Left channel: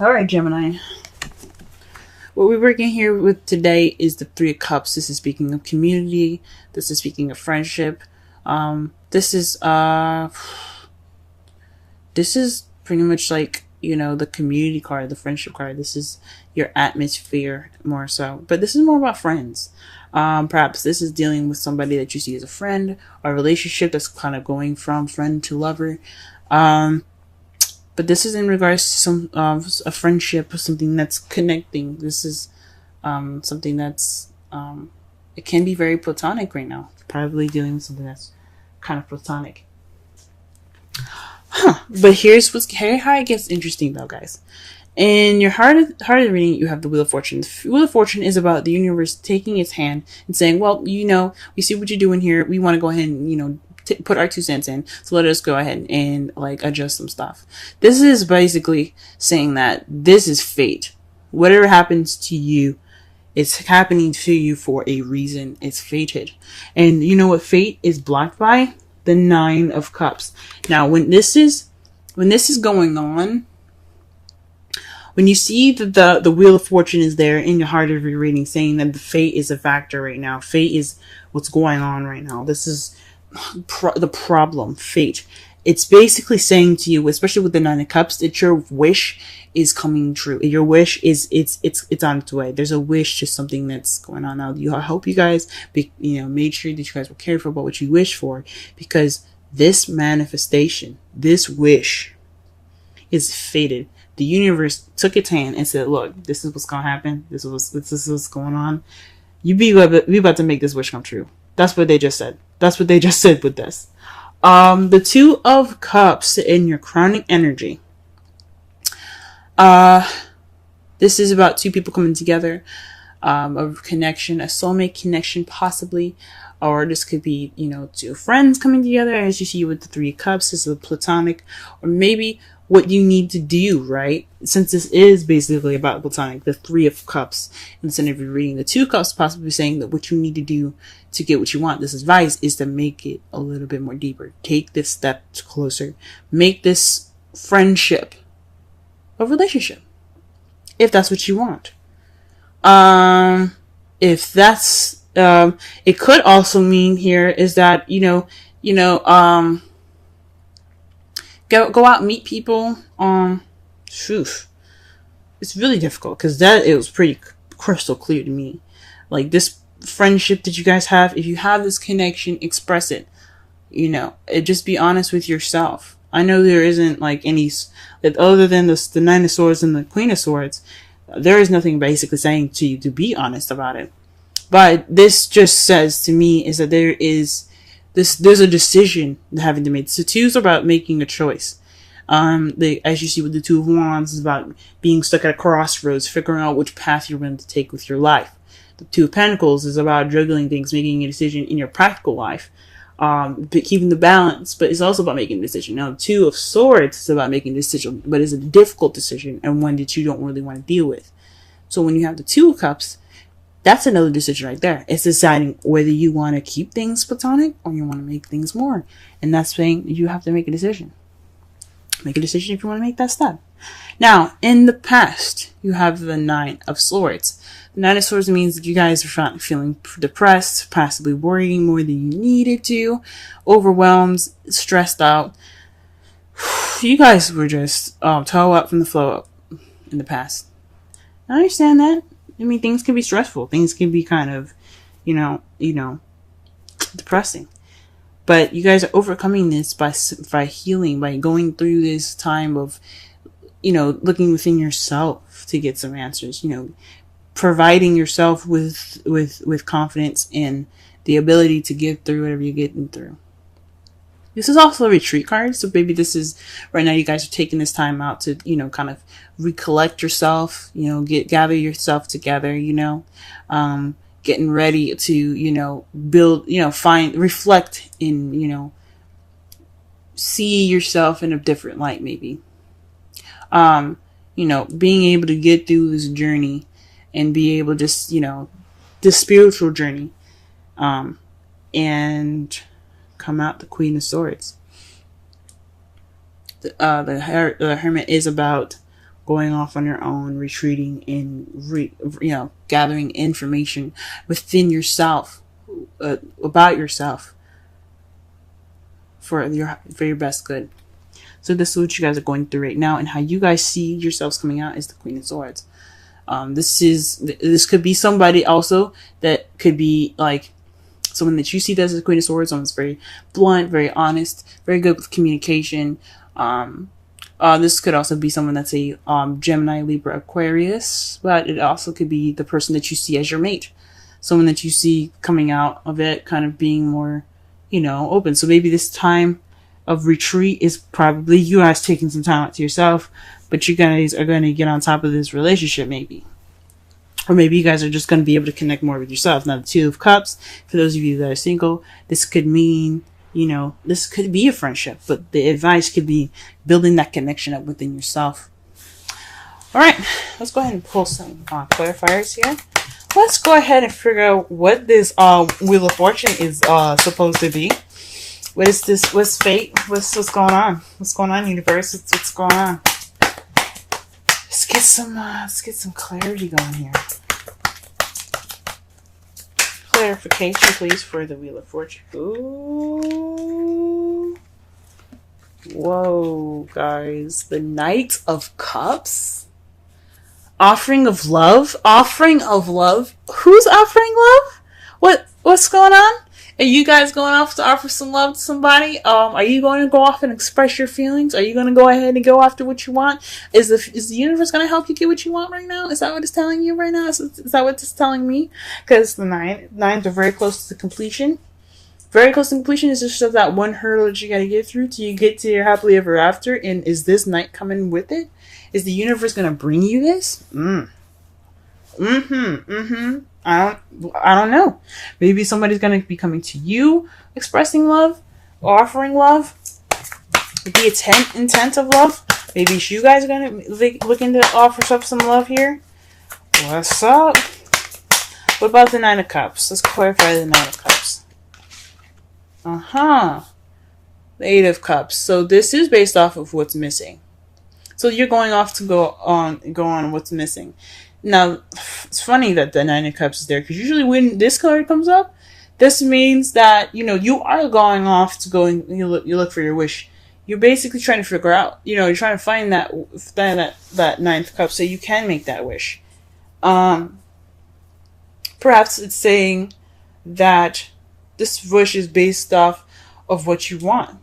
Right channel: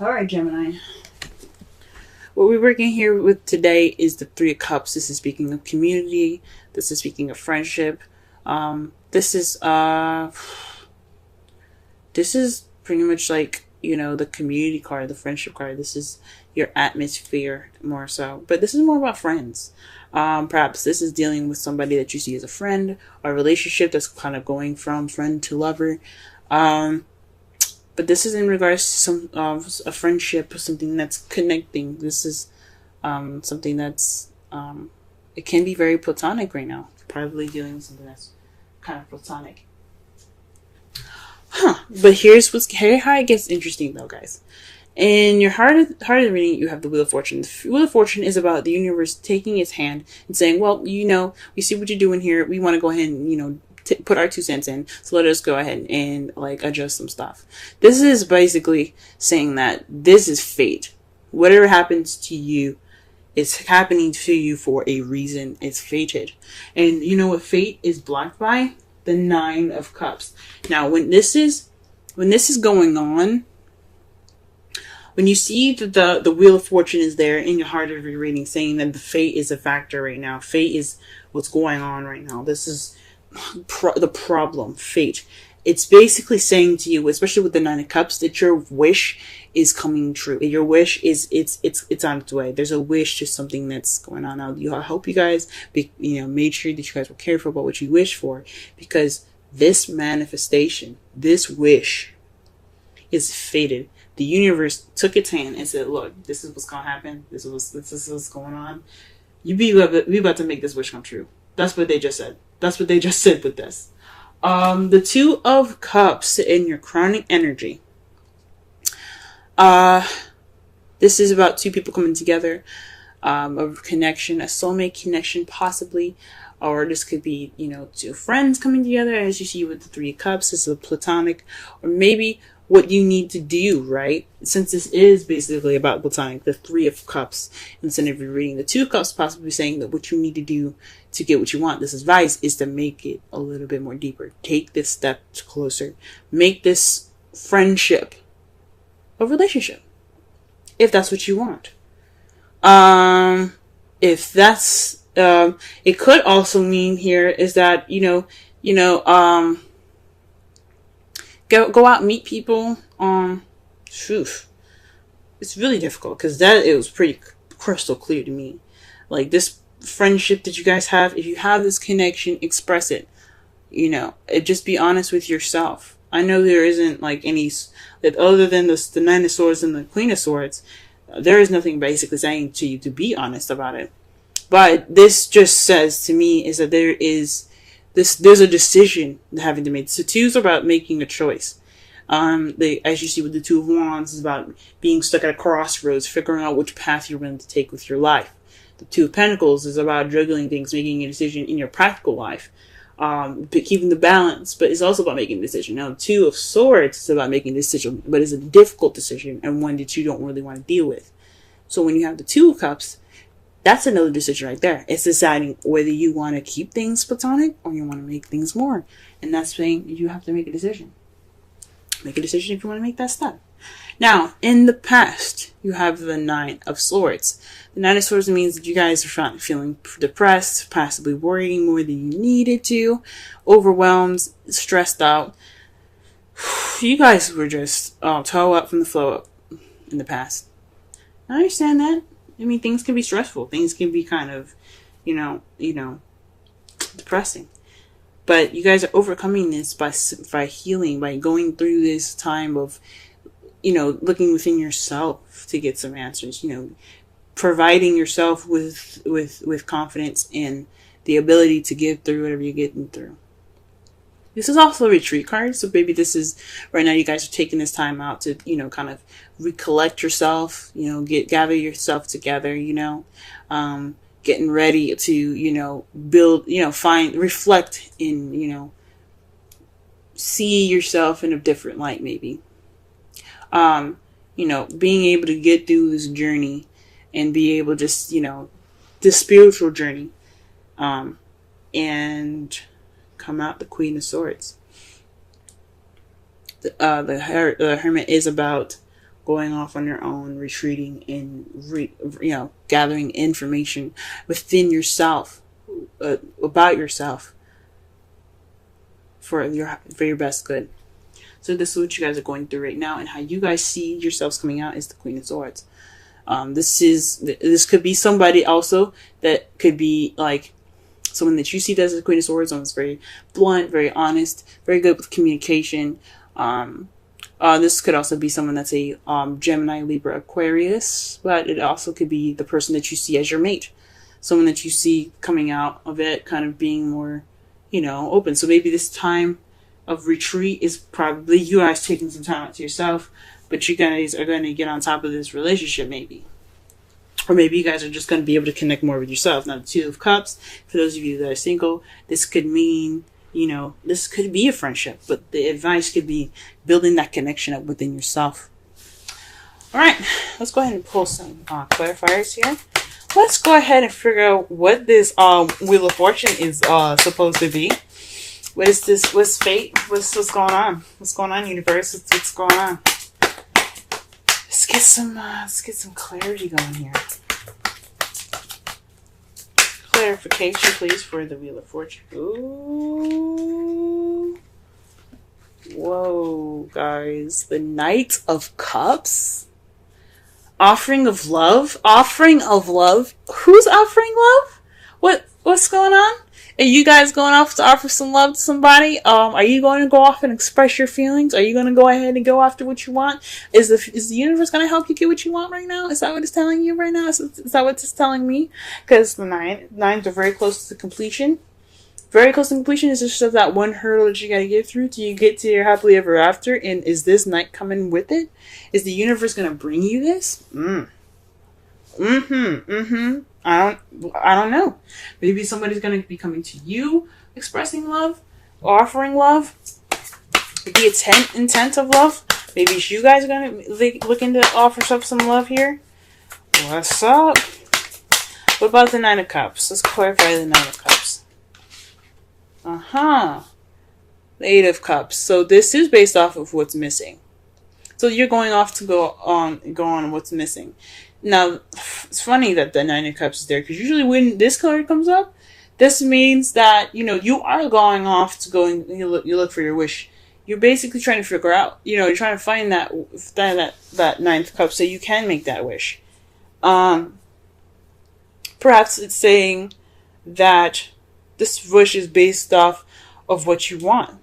All right, Gemini. What we're working here with today is the Three of Cups. This is speaking of community. This is speaking of friendship. This is pretty much like, the community card, the friendship card. This is your atmosphere more so. But this is more about friends. Perhaps this is dealing with somebody that you see as a friend, or a relationship that's kind of going from friend to lover. But this is in regards to some a friendship, something that's connecting. This is something that's it can be very platonic right now. Probably dealing with something that's kind of platonic. But here's how it gets interesting though, guys. In your heart of the reading, you have the Wheel of Fortune. The Wheel of Fortune is about the universe taking its hand and saying, well, we see what you're doing here. We want to go ahead and, put our 2 cents in. So let us go ahead and adjust some stuff. This is basically saying that this is fate. Whatever happens to you, it's happening to you for a reason. It's fated. And you know what fate is blocked by? The 9 of Cups. Now, when this is going on, when you see that the Wheel of Fortune is there in your heart of your reading, saying that the fate is a factor right now. Fate is what's going on right now. This is the problem, fate. It's basically saying to you, especially with the 9 of Cups, that your wish is coming true. Your wish is it's on its way. There's a wish to something that's going on now. I hope you guys made sure that you guys were careful about what you wish for, because this manifestation, this wish, is fated. The universe took its hand and said, look, this is what's going to happen. This is what's going on. We about to make this wish come true. That's what they just said. That's what they just said with this. The 2 of Cups in your crowning energy. This is about 2 people coming together. A connection, a soulmate connection possibly. Or this could be, 2 friends coming together, as you see with the 3 of Cups. This is a platonic. Or maybe what you need to do, right? Since this is basically about platonic, the 3 of Cups, instead of reading the 2 Cups, possibly saying that what you need to do to get what you want, this advice is to make it a little bit more deeper. Take this step closer. Make this friendship a relationship, if that's what you want. If that's, it could also mean here is that, go out and meet people. It's really difficult because it was pretty crystal clear to me. Like this friendship that you guys have, if you have this connection, express it. Just be honest with yourself. I know there isn't any that other than the 9 of Swords and the Queen of Swords. There is nothing basically saying to you to be honest about it. But this just says to me is that there's a decision having to make. So 2 is about making a choice. As you see with the 2 of Wands, is about being stuck at a crossroads, figuring out which path you're going to take with your life. The 2 of Pentacles is about juggling things, making a decision in your practical life, but keeping the balance. But it's also about making a decision. Now, 2 of Swords is about making a decision, but it's a difficult decision and one that you don't really want to deal with. So when you have the 2 of Cups, that's another decision right there. It's deciding whether you want to keep things platonic or you want to make things more. And that's saying you have to make a decision. Make a decision if you want to make that step. Now, in the past, you have the 9 of Swords. The 9 of Swords means that you guys are feeling depressed, possibly worrying more than you needed to, overwhelmed, stressed out. You guys were just toe up from the flow up in the past. I understand that. I mean, things can be stressful. Things can be kind of, depressing. But you guys are overcoming this by healing, by going through this time of, looking within yourself to get some answers. Providing yourself with confidence and the ability to get through whatever you're getting through. This is also a retreat card, so maybe this is right now you guys are taking this time out to, kind of recollect yourself, gather yourself together, getting ready to, build, reflect in, see yourself in a different light, maybe. Being able to get through this journey and be able to just, this spiritual journey, and come out the Queen of Swords. The Hermit is about going off on your own, retreating, and gathering information within yourself, about yourself, for your best good. So this is what you guys are going through right now, and how you guys see yourselves coming out is the Queen of Swords. This could be somebody also that could be like someone that you see as the Queen of Swords. Someone's very blunt, very honest, very good with communication. This could also be someone that's a Gemini, Libra, Aquarius, but it also could be the person that you see as your mate. Someone that you see coming out of it kind of being more, open. So maybe this time of retreat is probably you guys taking some time out to yourself, but you guys are going to get on top of this relationship maybe. Or maybe you guys are just going to be able to connect more with yourself. Now, the Two of Cups, for those of you that are single, this could mean, this could be a friendship, but the advice could be building that connection up within yourself. All right, let's go ahead and pull some clarifiers here. Let's go ahead and figure out what this Wheel of Fortune is supposed to be. What is this? What's fate? What's going on? What's going on, universe? What's going on? Let's get some clarity going here. Clarification, please, for the Wheel of Fortune. Ooh. Whoa, guys. The Knight of Cups. Offering of love. Offering of love. Who's offering love? What's going on? Are you guys going off to offer some love to somebody? Are you going to go off and express your feelings? Are you going to go ahead and go after what you want? Is the universe going to help you get what you want right now? Is that what it's telling you right now? Is that what it's telling me? Because the nines are very close to completion. Very close to completion. Is just that one hurdle that you got to get through till you get to your happily ever after. And is this night coming with it? Is the universe going to bring you this? I don't know. Maybe somebody's going to be coming to you, expressing love, offering love. The intent of love. Maybe it's you guys are going to looking to offer up some love here. What's up? What about the Nine of Cups? Let's clarify the Nine of Cups. The Eight of Cups. So this is based off of what's missing. So you're going off to go on what's missing. Now, it's funny that the Nine of Cups is there, because usually when this card comes up, this means that, you are going off to go and you look for your wish. You're basically trying to figure out, you're trying to find that Ninth Cup so you can make that wish. Perhaps it's saying that this wish is based off of what you want.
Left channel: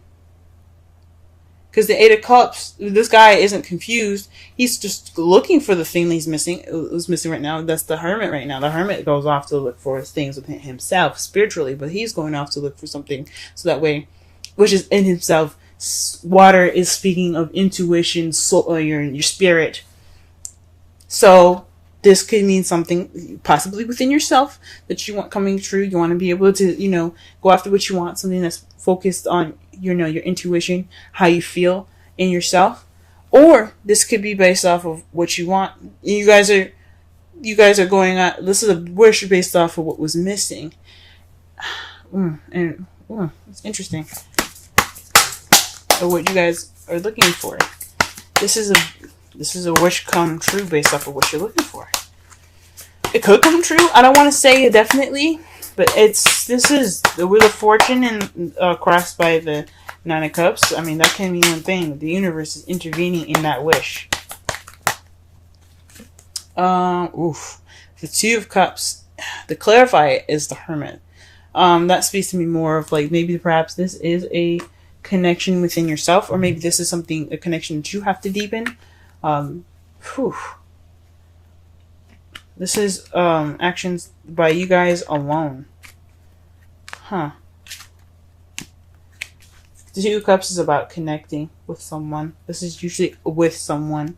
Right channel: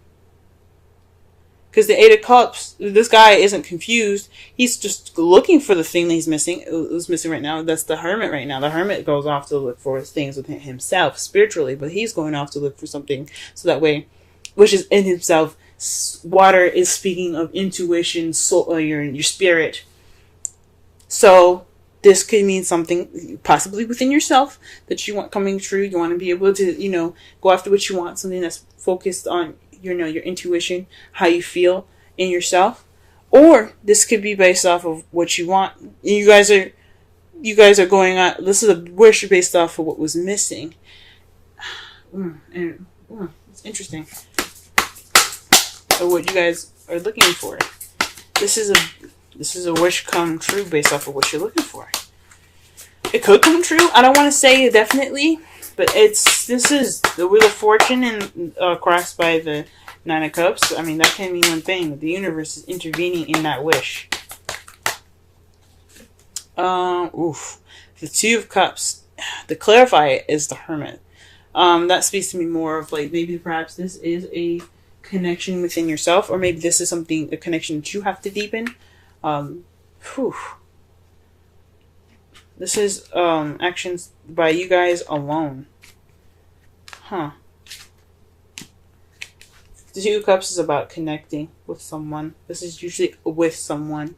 Because the Eight of Cups, this guy isn't confused. He's just looking for the thing that he's missing. What's missing right now? That's the Hermit right now. The Hermit goes off to look for things within himself spiritually, but he's going off to look for something so that way, which is in himself. Water is speaking of intuition, soul, your spirit. So this could mean something possibly within yourself that you want coming true. You want to be able to, go after what you want. Something that's focused on your intuition, how you feel in yourself. Or this could be based off of what you want. You guys are going on. This is a wish based off of what was missing. It's interesting. So what you guys are looking for. This is a wish come true based off of what you're looking for. It could come true. I don't want to say definitely, but this is the Wheel of Fortune and crossed by the Nine of Cups. I mean, that can mean one thing. The universe is intervening in that wish. The Two of Cups. To clarify it is the Hermit. That speaks to me more of like maybe perhaps this is a connection within yourself, or maybe this is a connection that you have to deepen. This is actions by you guys alone. The Two of Cups is about connecting with someone. This is usually with someone.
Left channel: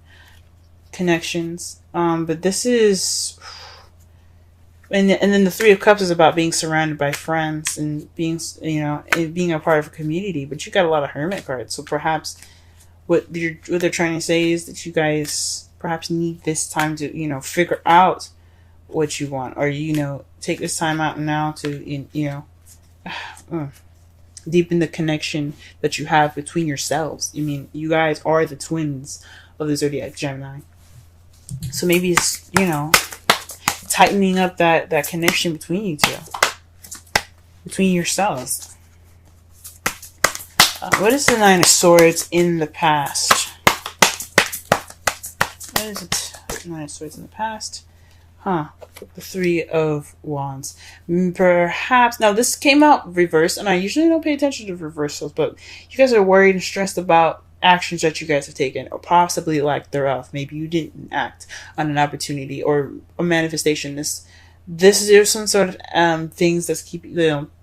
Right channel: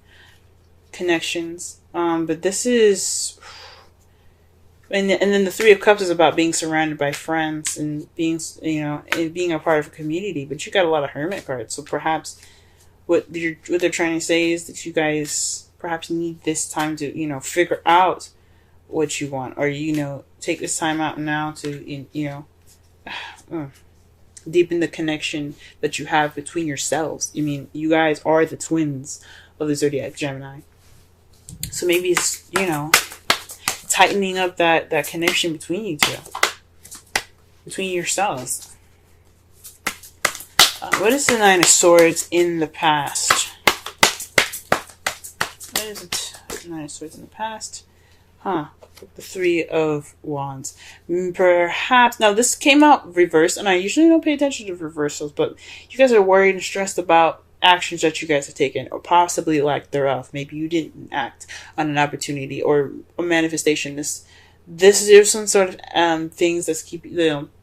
Connections. But this is... And then the Three of Cups is about being surrounded by friends and being, and being a part of a community. But you got a lot of Hermit cards. So perhaps what they're trying to say is that you guys perhaps need this time to, figure out what you want. Or, take this time out now to, deepen the connection that you have between yourselves. I mean, you guys are the twins of the zodiac Gemini. So maybe it's, tightening up that connection between you two, between yourselves. What is the Nine of Swords in the past? What is it? Nine of Swords in the past? The Three of Wands. Perhaps, now this came out reversed, and I usually don't pay attention to reversals, but you guys are worried and stressed about actions that you guys have taken, or possibly lack thereof. Maybe you didn't act on an opportunity or a manifestation. This is some sort of things that's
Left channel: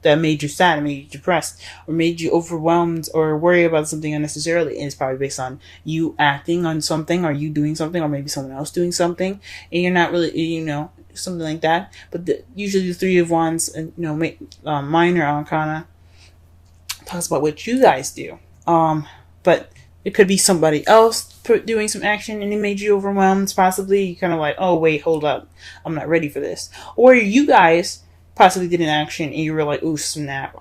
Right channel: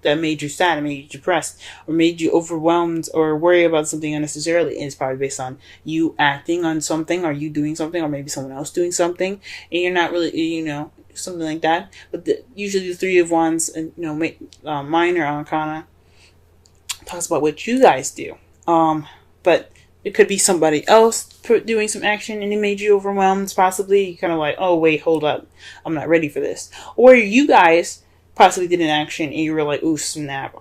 that made you sad, made you depressed, or made you overwhelmed, or worry about something unnecessarily. And it's probably based on you acting on something, or you doing something, or maybe someone else doing something, and you're not really, something like that. But usually the Three of Wands and minor arcana talks about what you guys do. But it could be somebody else doing some action and it made you overwhelmed. Possibly you kind of like, oh wait, hold up, I'm not ready for this. Or you guys possibly did an action and you were like, ooh, snap.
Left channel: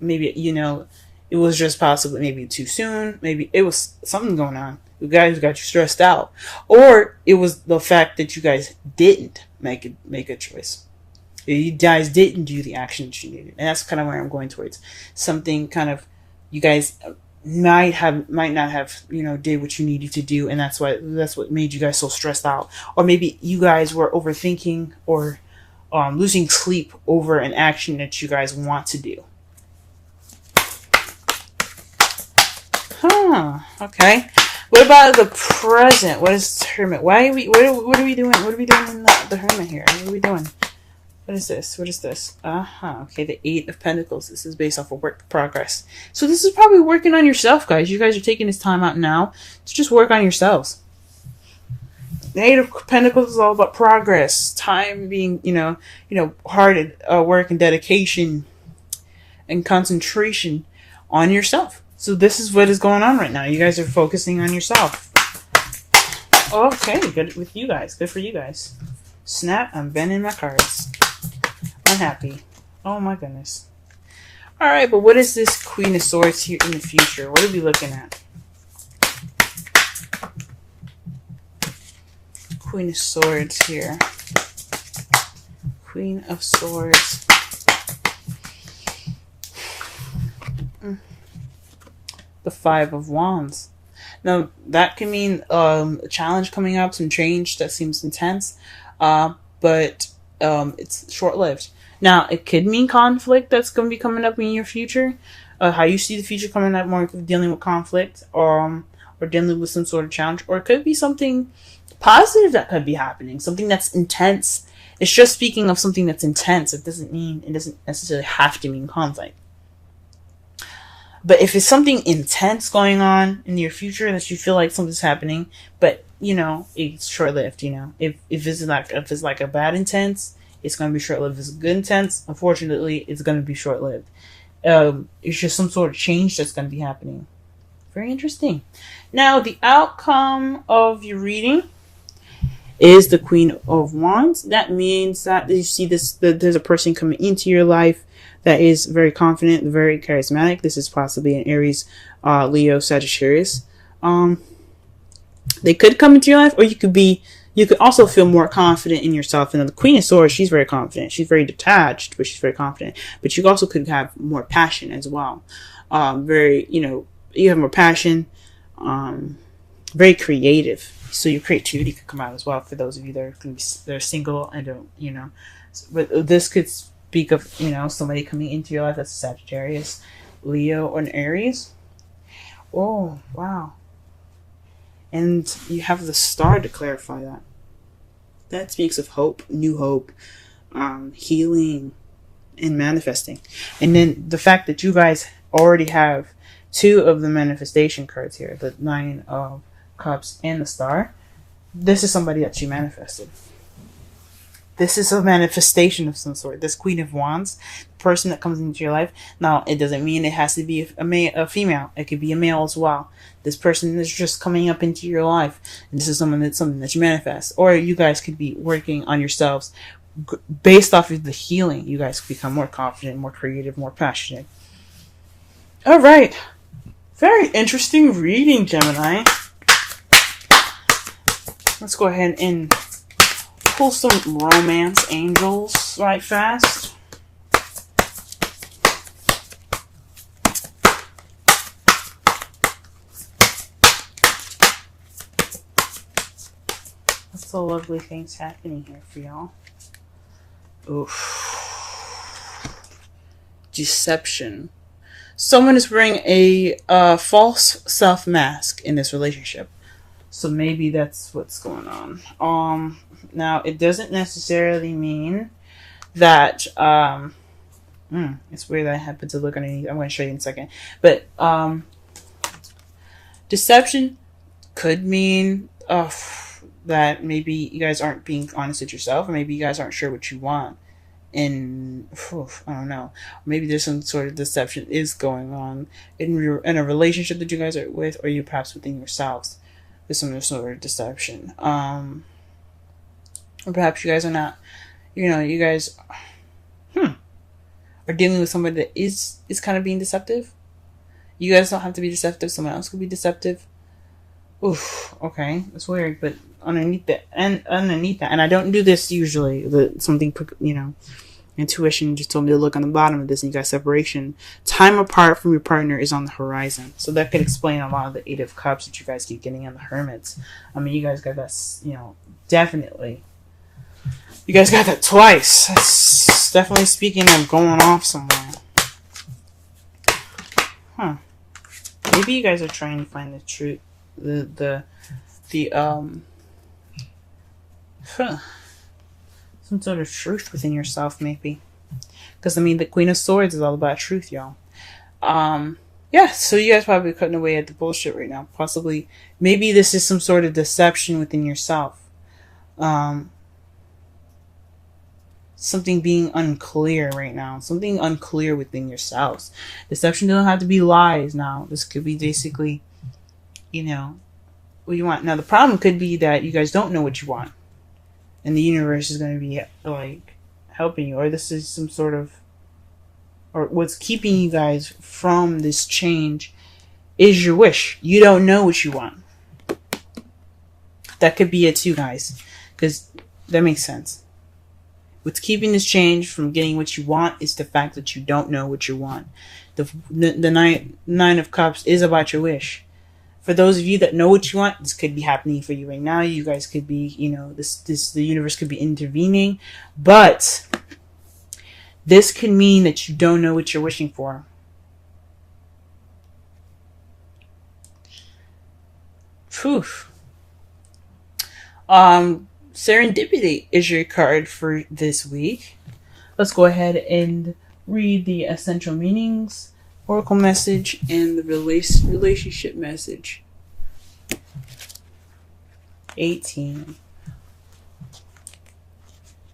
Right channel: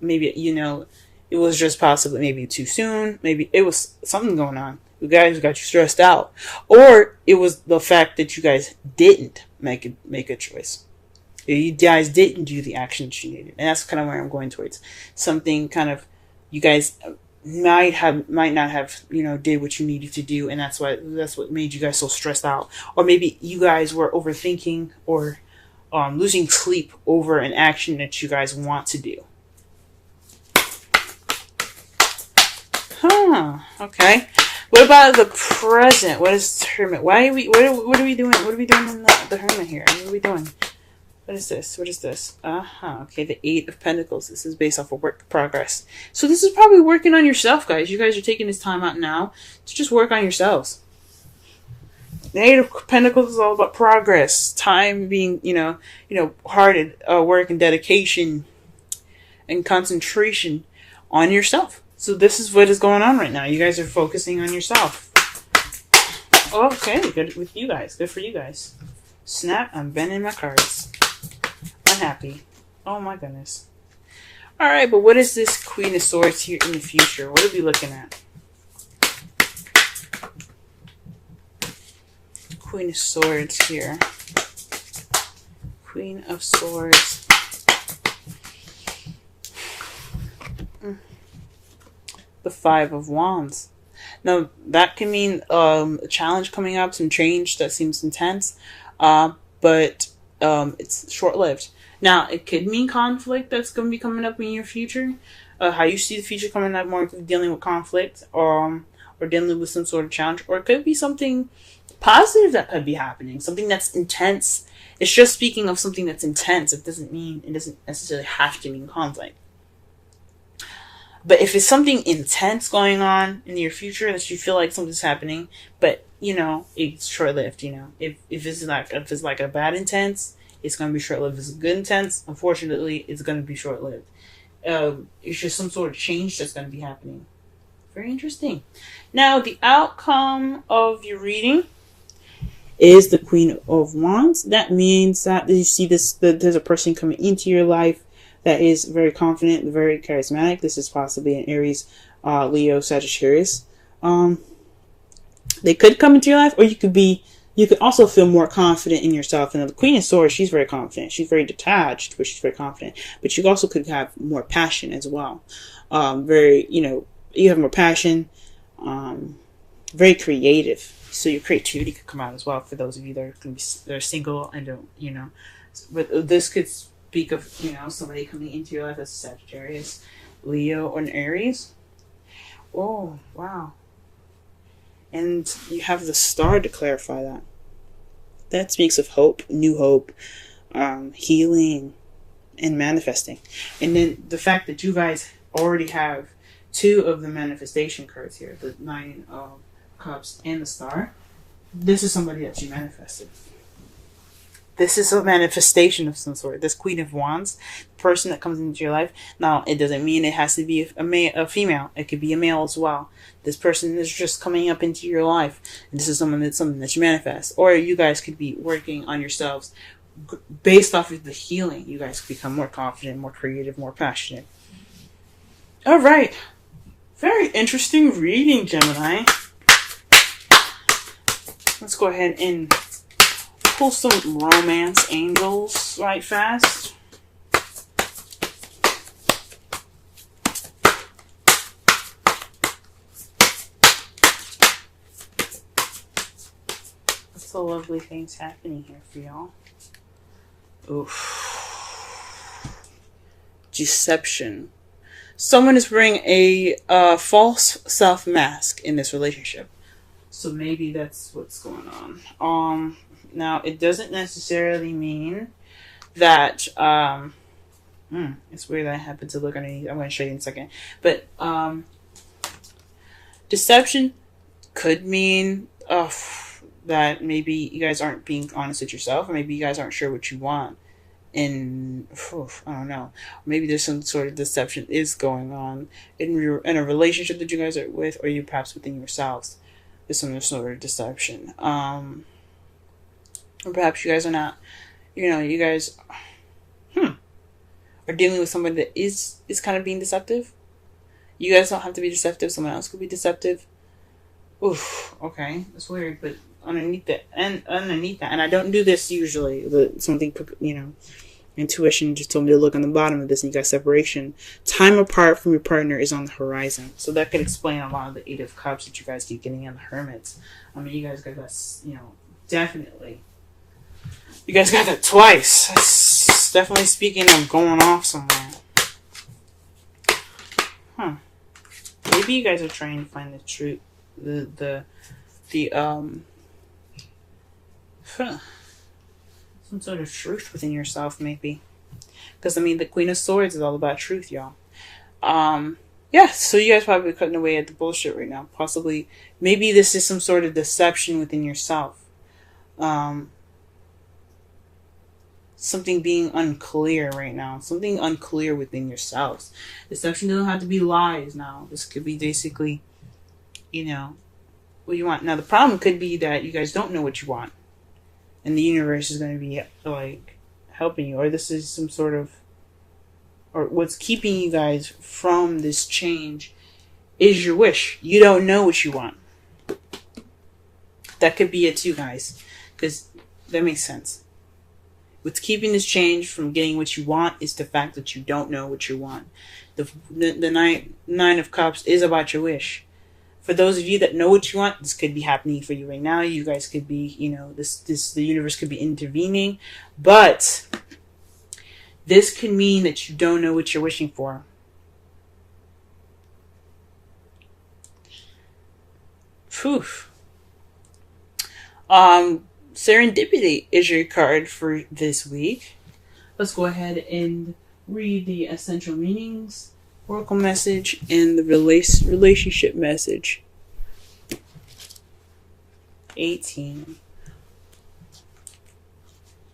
Maybe it was just possibly maybe too soon. Maybe it was something going on. You guys got you stressed out, or it was the fact that you guys didn't make a choice. You guys didn't do the action that you needed, and that's kind of where I'm going towards. Something kind of you guys might not have did what you needed to do, and that's what made you guys so stressed out. Or maybe you guys were overthinking or losing sleep over an action that you guys want to do. Okay. What about the present? What is Hermit? What are we doing? What are we doing in the Hermit here? What are we doing? What is this? Okay, the Eight of Pentacles. This is based off of work progress. So this is probably working on yourself, guys. You guys are taking this time out now to just work on yourselves. The Eight of Pentacles is all about progress. Time being, hard work and dedication and concentration on yourself. So this is what is going on right now. You guys are focusing on yourself. Okay, good with you guys. Good for you guys. Snap, I'm bending my cards. We're happy. Oh my goodness. Alright, but what is this Queen of Swords here in the future? What are we looking at? Queen of Swords here. Queen of Swords. The Five of Wands. Now, that can mean a challenge coming up, some change that seems intense, but it's short-lived. Now, it could mean conflict that's going to be coming up in your future. How you see the future coming up, more dealing with conflict, or dealing with some sort of challenge. Or it could be something positive that could be happening, something that's intense. It's just speaking of something that's intense. It doesn't necessarily have to mean conflict. But if it's something intense going on in your future that you feel like something's happening, but it's short-lived. If it's like a bad intense, it's gonna be short-lived. If it's a good intense, unfortunately, it's gonna be short-lived. It's just some sort of change that's gonna be happening. Very interesting. Now, the outcome of your reading is the Queen of Wands. That means that you see that there's a person coming into your life that is very confident, very charismatic. This is possibly an Aries, Leo, Sagittarius. They could come into your life, or you could also feel more confident in yourself. And the Queen of Swords, she's very confident. She's very detached, but she's very confident. But you also could have more passion as well. You have more passion, very creative. So your creativity could come out as well for those of you that are single and don't, But this could speak of, somebody coming into your life that's a Sagittarius, Leo, or an Aries. Oh, wow. And you have the Star to clarify that. That speaks of hope, new hope, healing, and manifesting. And then the fact that you guys already have two of the manifestation cards here, the Nine of Cups and the Star. This is somebody that you manifested. This is a manifestation of some sort. This Queen of Wands, the person that comes into your life. Now, it doesn't mean it has to be a female. It could be a male as well. This person is just coming up into your life. This is something that you manifest. Or you guys could be working on yourselves. Based off of the healing, you guys become more confident, more creative, more passionate. All right. Very interesting reading, Gemini. Let's go ahead and pull some romance angels right fast. What's the lovely things happening here for y'all? Oof. Deception. Someone is wearing a false self mask in this relationship. So maybe that's what's going on. Now it doesn't necessarily mean that it's weird that I happen to look underneath. I'm going to show you in a second. But deception could mean that maybe you guys aren't being honest with yourself, or maybe you guys aren't sure what you want. And I don't know. Maybe there's some sort of deception is going on in a relationship that you guys are with, or you perhaps within yourselves. There's some sort of deception. Or perhaps you guys are not. You guys are dealing with someone that is kind of being deceptive. You guys don't have to be deceptive. Someone else could be deceptive. Oof. Okay, that's weird, but underneath that, and I don't do this usually. But something, intuition just told me to look on the bottom of this, and you got separation. Time apart from your partner is on the horizon, so that could explain a lot of the Eight of Cups that you guys keep getting in the Hermits. I mean, you guys got that, definitely. You guys got that twice. That's definitely speaking of going off somewhere. Huh? Maybe you guys are trying to find the truth. Some sort of truth within yourself, maybe. Because, the Queen of Swords is all about truth, y'all. So you guys probably cutting away at the bullshit right now. Possibly, maybe this is some sort of deception within yourself. Something being unclear right now. Something unclear within yourselves. Deception doesn't have to be lies now. This could be basically, what you want. Now, the problem could be that you guys don't know what you want. And the universe is going to be, helping you. Or this is some sort of... Or what's keeping you guys from this change is your wish. You don't know what you want. That could be it too, guys. Because that makes sense. What's keeping this change from getting what you want is the fact that you don't know what you want. The Nine of Cups is about your wish. For those of you that know what you want, this could be happening for you right now. You guys could be, the universe could be intervening. But this could mean that you don't know what you're wishing for. Phew. Serendipity is your card for this week. Let's go ahead and read the essential meanings, oracle message, and the relationship message. 18.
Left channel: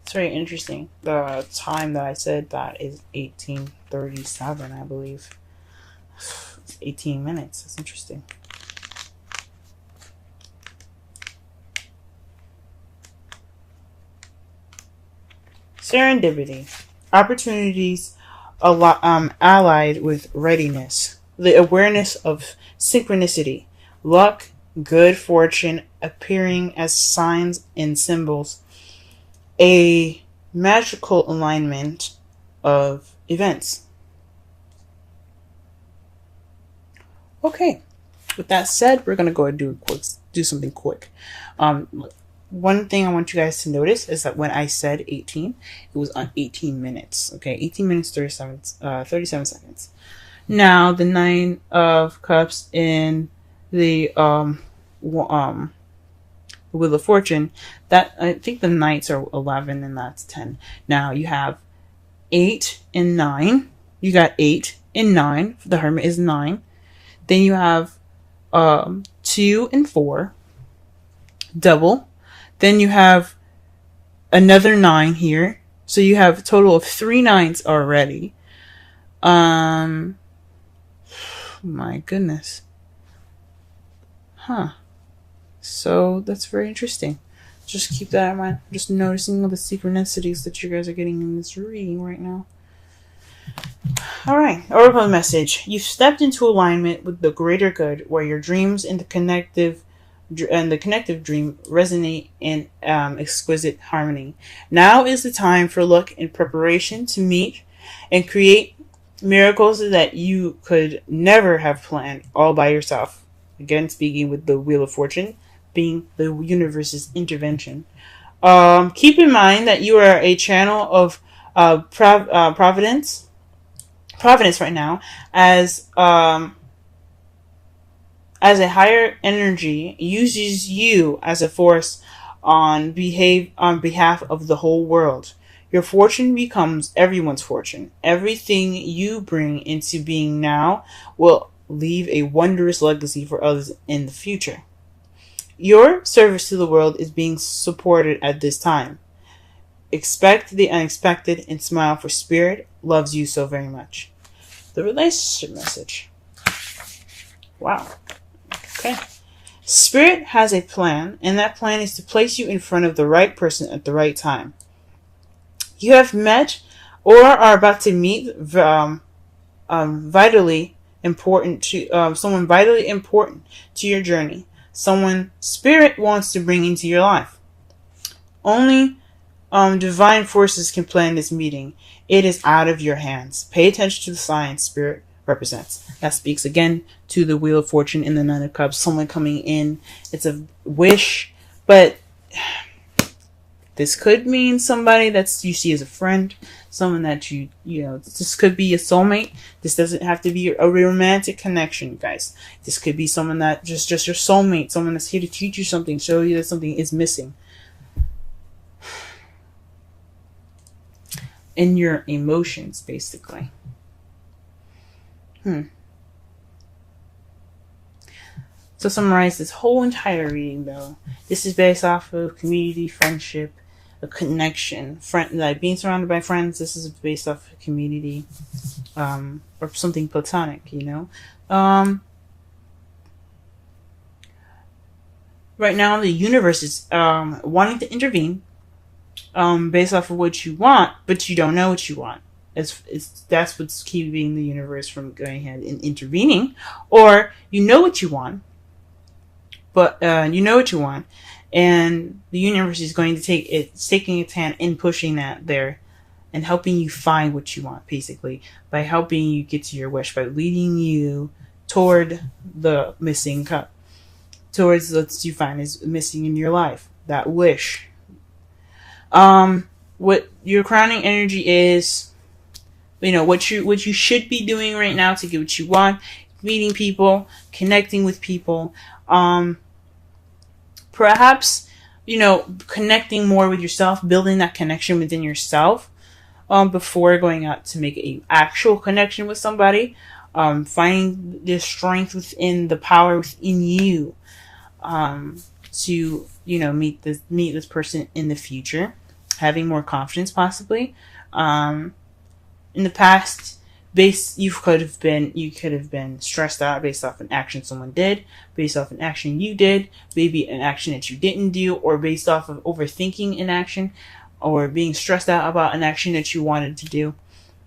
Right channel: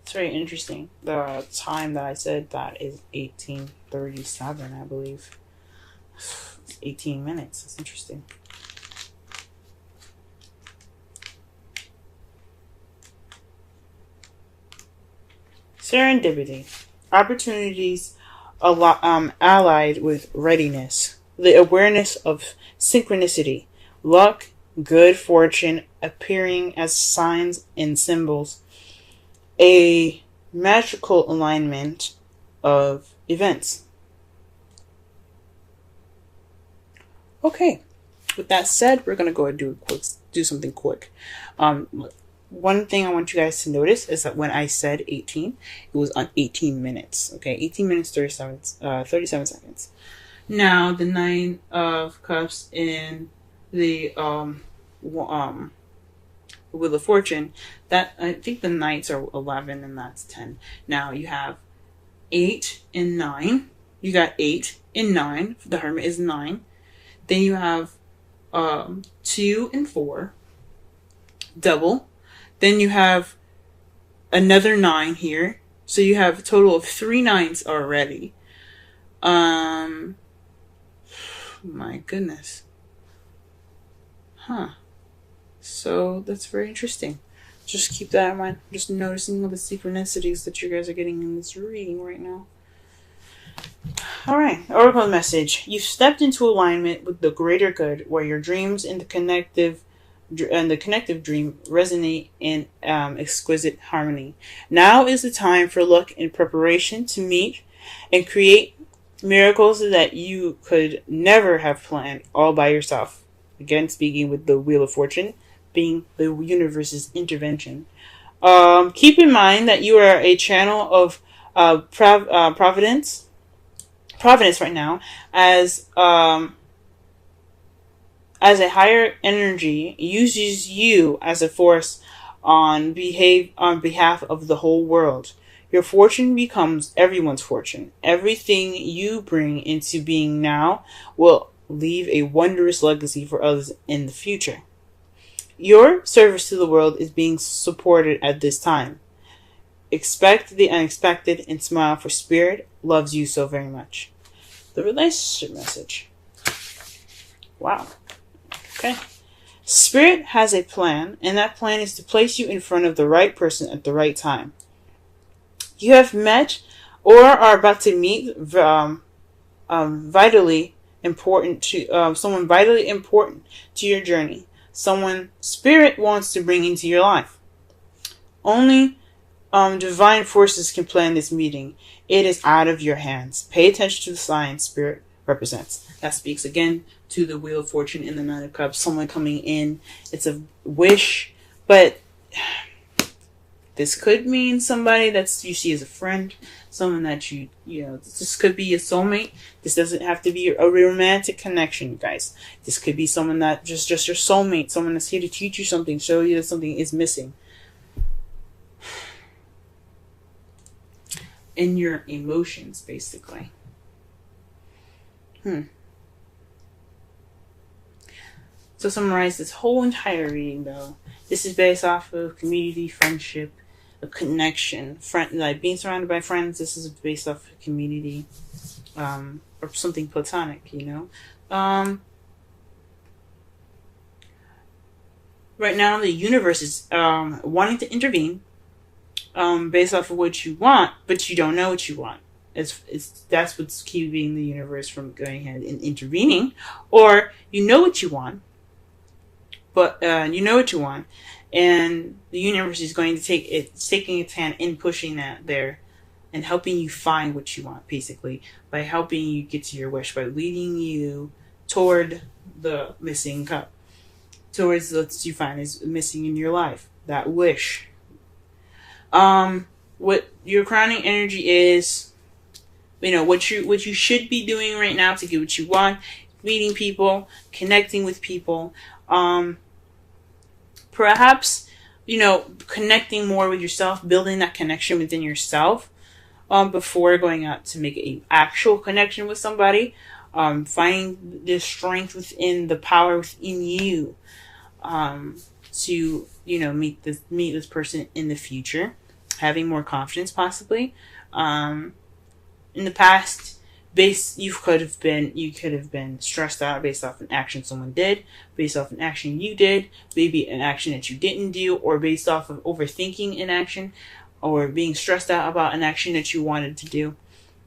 It's very interesting. The time that I said that is 18:37, I believe. It's 18 minutes. That's interesting. Serendipity. Opportunities allied with readiness. The awareness of synchronicity. Luck, good fortune appearing as signs and symbols. A magical alignment of events. Okay. With that said, we're going to go and do something quick. One thing I want you guys to notice is that when I said 18, it was on 18 minutes. Okay, 18 minutes, 37 seconds. Now, the Nine of Cups in the Wheel of Fortune, that I think the Knights are 11 and that's 10. Now, you have 8 and 9. You got 8 and 9. The Hermit is 9. Then you have 2 and 4. Double. Then you have another 9 here. So you have a total of 3 9s already. My goodness. Huh. So that's very interesting. Just keep that in mind. Just noticing all the synchronicities that you guys are getting in this reading right now. Alright, oracle message. You've stepped into alignment with the greater good, where your dreams and the connective and the connective dream resonate in exquisite harmony. Now is the time for luck and preparation to meet and create miracles that you could never have planned all by yourself. Again, speaking with the Wheel of Fortune being the universe's intervention. Keep in mind that you are a channel of providence right now, as a higher energy uses you as a force on behalf of the whole world. Your fortune becomes everyone's fortune. Everything you bring into being now will leave a wondrous legacy for others in the future. Your service to the world is being supported at this time. Expect the unexpected and smile, for Spirit loves you so very much. The relationship message. Wow. Okay. Spirit has a plan, and that plan is to place you in front of the right person at the right time. You have met or are about to meet vitally important to someone vitally important to your journey. Someone Spirit wants to bring into your life. Only divine forces can plan this meeting. It is out of your hands. Pay attention to the signs Spirit represents. That speaks again to the Wheel of Fortune in the Nine of Cups. Someone coming in. It's a wish, but this could mean somebody that you see as a friend, someone that you know, this could be a soulmate. This doesn't have to be a romantic connection, guys. This could be someone that just your soulmate, someone that's here to teach you something, show you that something is missing in your emotions, basically. So summarize this whole entire reading, though. This is based off of community, friendship, a connection, like being surrounded by friends. This is based off of community, or something platonic, you know. Right now, the universe is wanting to intervene, based off of what you want, but you don't know what you want. That's what's keeping the universe from going ahead and intervening. Or you know what you want, but and the universe is going to taking its hand in pushing that there and helping you find what you want, basically, by helping you get to your wish, by leading you toward the missing cup, towards what you find is missing in your life, that wish. What your crowning energy is, you know, what you should be doing right now to get what you want, meeting people, connecting with people, perhaps, you know, connecting more with yourself, building that connection within yourself, before going out to make an actual connection with somebody, finding the strength within, the power within you, to, you know, meet this person in the future, having more confidence, possibly. In the past, you could have been stressed out based off an action someone did, based off an action you did, maybe an action that you didn't do, or based off of overthinking an action, or being stressed out about an action that you wanted to do.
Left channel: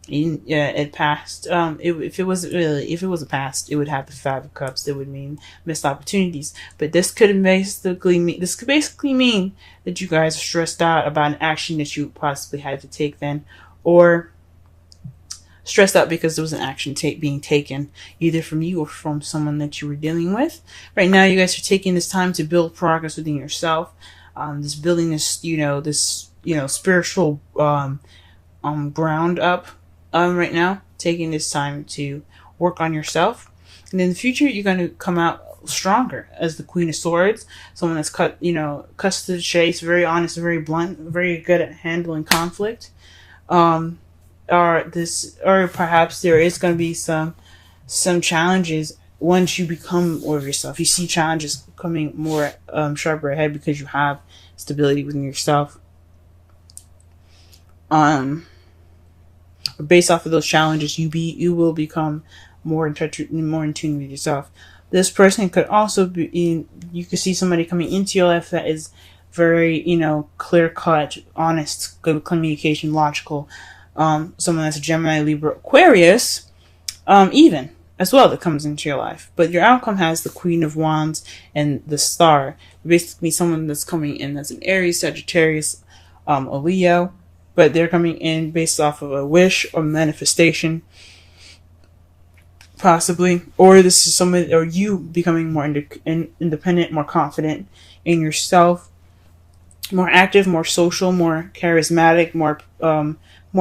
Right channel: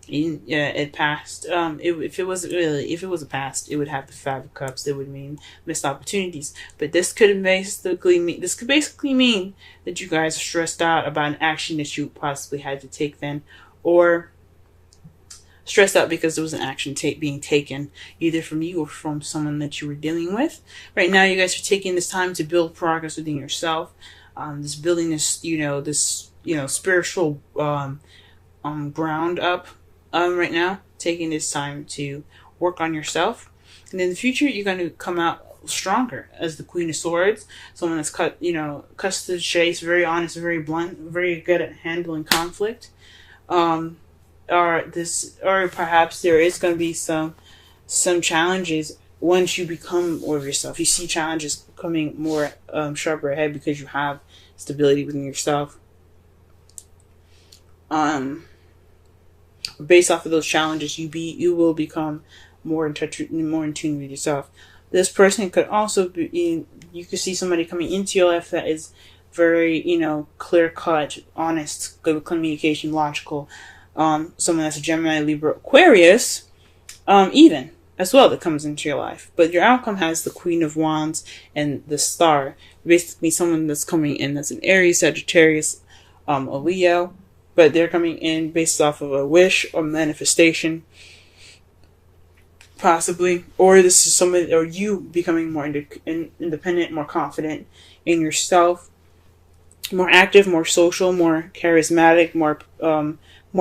It passed. If it was a past, it would have the Five of Cups. That would mean missed opportunities. But this could basically mean that you guys are stressed out about an action that you possibly had to take then, or stressed out because there was an action being taken, either from you or from someone that you were dealing with. Right now, you guys are taking this time to build progress within yourself. Building this spiritual ground up. Right now, taking this time to work on yourself, and in the future, you're going to come out stronger as the Queen of Swords, someone that's cut to the chase, very honest, very blunt, very good at handling conflict. Or perhaps there is going to be some challenges once you become more of yourself. You see challenges coming more sharper ahead because you have stability within yourself. Based off of those challenges, you will become more in touch, more in tune with yourself. This person could also be, you could see somebody coming into your life that is very, clear cut, honest, good communication, logical. Someone that's a Gemini, Libra, Aquarius, even. as well that comes into your life. But your outcome has the Queen of Wands and the Star. Basically, someone that's coming in as an Aries, Sagittarius, a Leo, but they're coming in based off of a wish or manifestation, possibly. Or this is someone, or you becoming more independent, more confident in yourself, more active, more social, more charismatic, more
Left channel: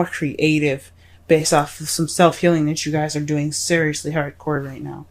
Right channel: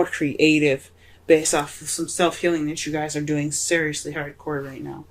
creative, based off of some self-healing that you guys are doing seriously hardcore right now.